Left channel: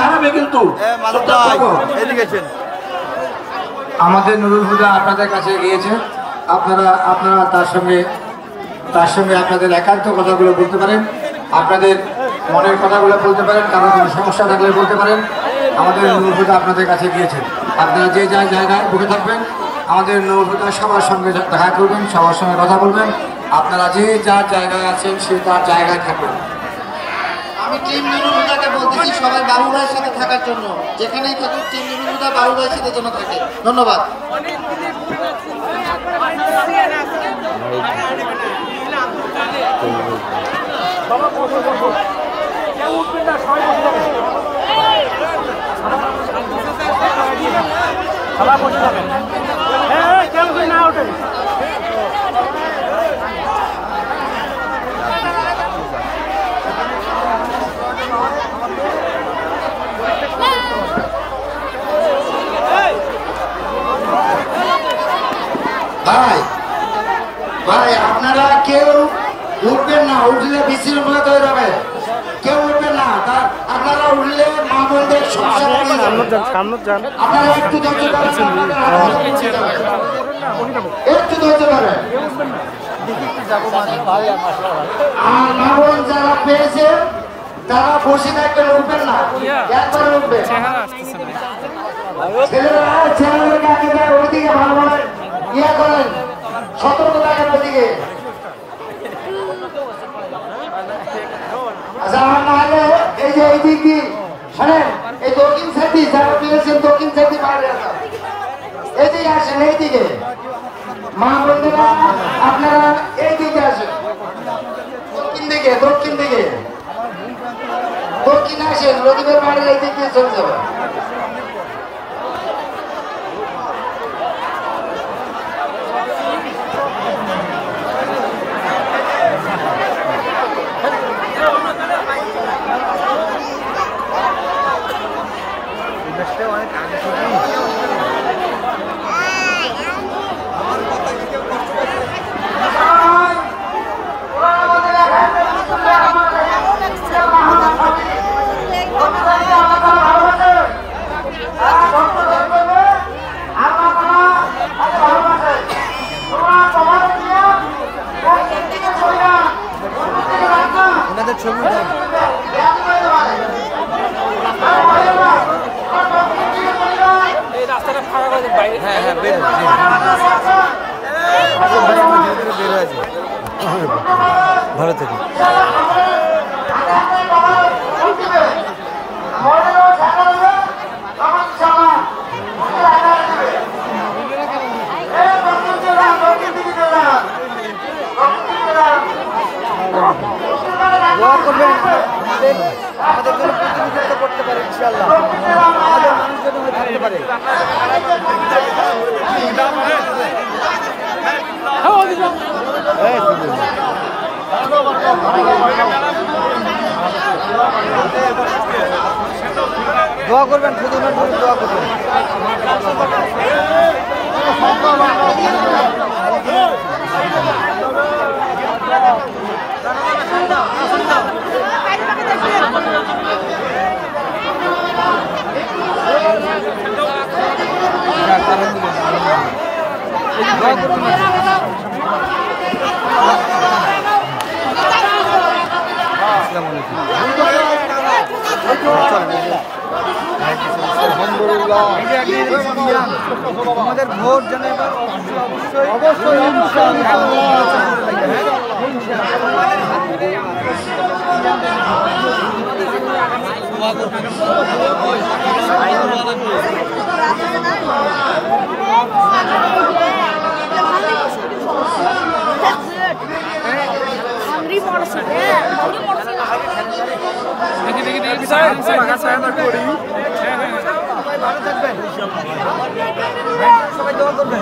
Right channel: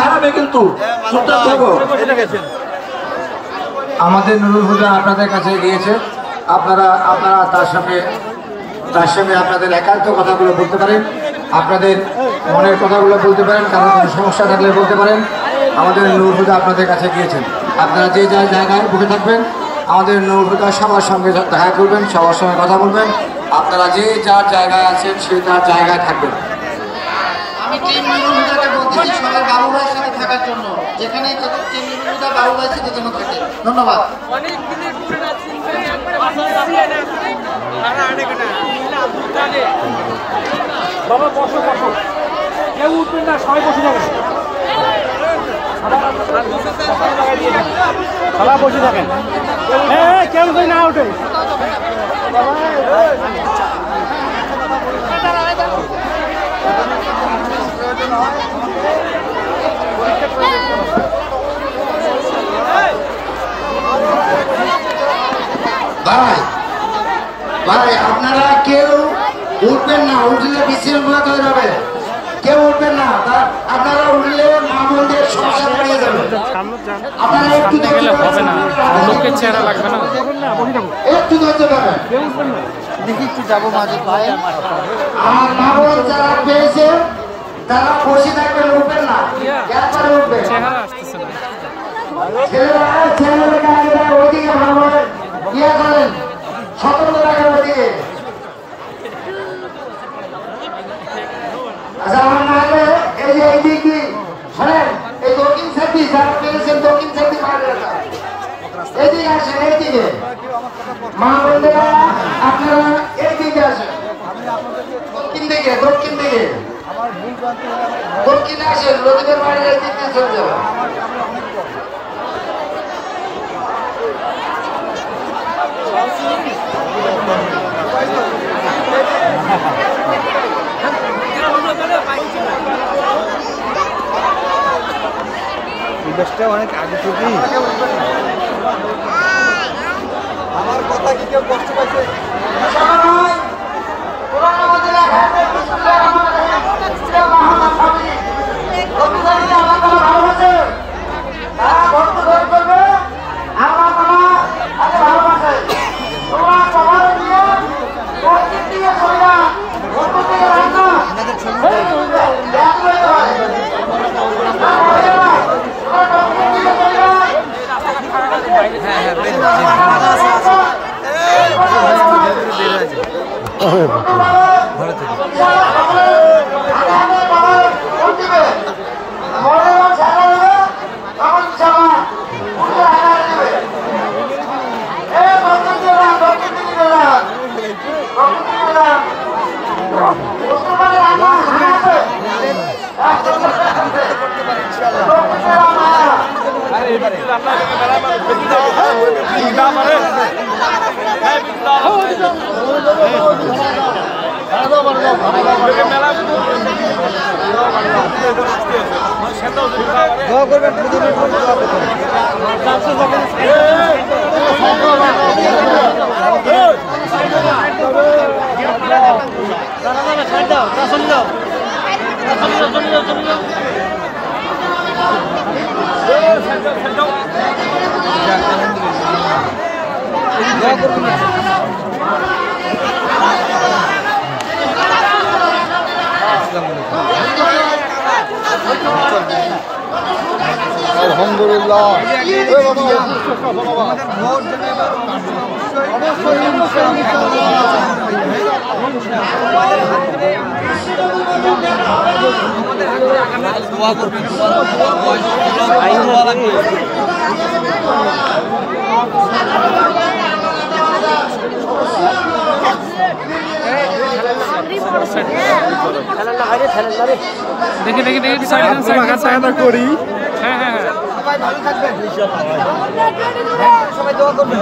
হারাবে কিন্তু। আমাদের নুরুল হুদা আপনাদের কাছে গিয়েছে, আপনারা তার সঙ্গে আপনাদের একান্ত কথাগুলো বলতে পারেন, আপনাদের মনের কথাগুলো বলতে পারেন, কারণ কোনো সমস্যা থাকলে বলতে পারেন। আমাদের নুরুল হুদা আপনাদের কাছে গিয়েছেন, আপনারা যে জায়গায় বসে থাকবেন আমাদের নুরুল হুদা সবার সঙ্গে দেখা করবেন, সবার সঙ্গে কথা বলবেন। আপনারা যে যার জায়গায় আছেন সে তার জায়গায় থাকবেন। আমি টিম নুরুল হুদাকে বলতেছি সবাই বাবু ভাইয়ের সাথে থাকার জন্য, যেখানেই থাকুক টিম নুরুল হুদা বাবু ভাইয়ের সাথে যেন থাকে। ধন্যবাদ। আব্দুল কাদের কেউ উঠবেন না, সবাই বসে থাকেন। কেউ হয় না উঠে প্রয়োজন হয় আমাকে পরীক্ষা করে দেখতে হবে। ভাই আপনারা কেউ উঠবেন না, উঠলে বিশৃঙ্খলা হয়ে যাবে, কেউ উঠবেন না। আপনারা উঠলে মা বোনদের সমস্যা হয়ে যাবে। আপনারা একটু ধৈর্য ধরেন, আর মা বোন যারা পেয়েছে তারা বসে থাকবেন, উঠবেন না, চেহারা আসতেছে না। ছেলেরা ওইদিকে ভালোভাবে ইয়ে করেন, সতর্ক রাখেন ওইদিকে। আচ্ছা আমার না হলে এই যে এইদিকে শোনেন, এই দক্ষিণ সাইডে যারা পেয়েছেন দক্ষিণ সাইডে এদিকে আসেন, এইদিকে মা বোনেরা আপনারা এইদিকে আসেন, দক্ষিণ দিকে আমার ভুল প্রান্ত হলে দক্ষিণে আসেন, নদীদের বাড়ির এইদিকে চলে যাবেন। আমার অনেক বড় অনেক আগে থেকেই আমার কথা কি কেউ কষ্ট পাইছে? ঘরে থেকে আমাদের জন্য প্রতিনিধিত্ব করতে পারে ইনশাআল্লাহ। দোয়া করবেন, দোয়া করবেন। আলহামদুলিল্লাহ, আমাদের ভোট যেন এবার অবশ্যই আমাদের হাত ধরে আগামী দোয়া করবেন, দোয়া লাগবে। দেখি করি। হ্যাঁ হ্যাঁ, সবাই ভালো থাকবেন, সবাই দোয়া করবেন।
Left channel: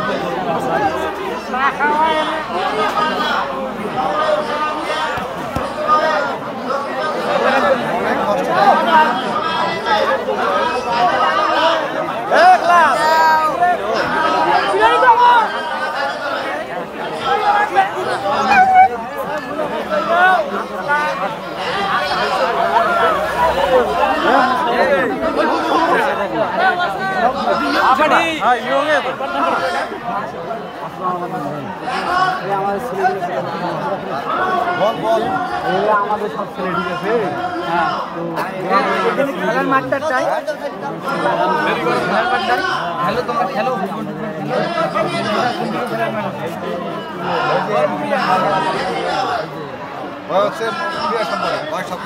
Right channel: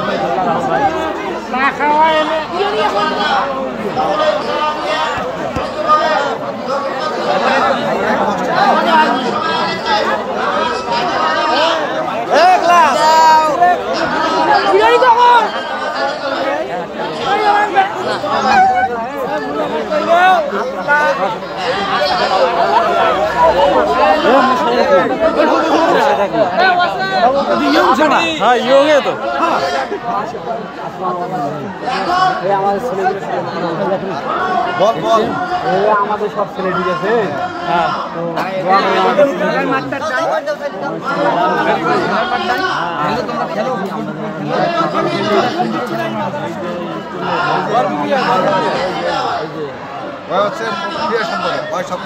আমাদের ছেলেগুলো বল বল আমাদের সব ছেলে দিয়েছে তোমরা খেলো হচ্ছে ক্রিয়া সম্পাদক হয় সব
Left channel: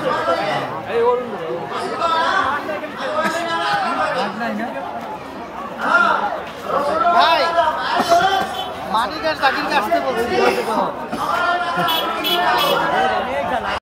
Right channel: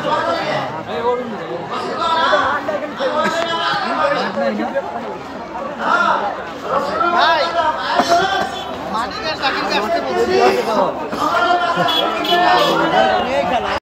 মানিকার চাকরিতে আসতে বলছি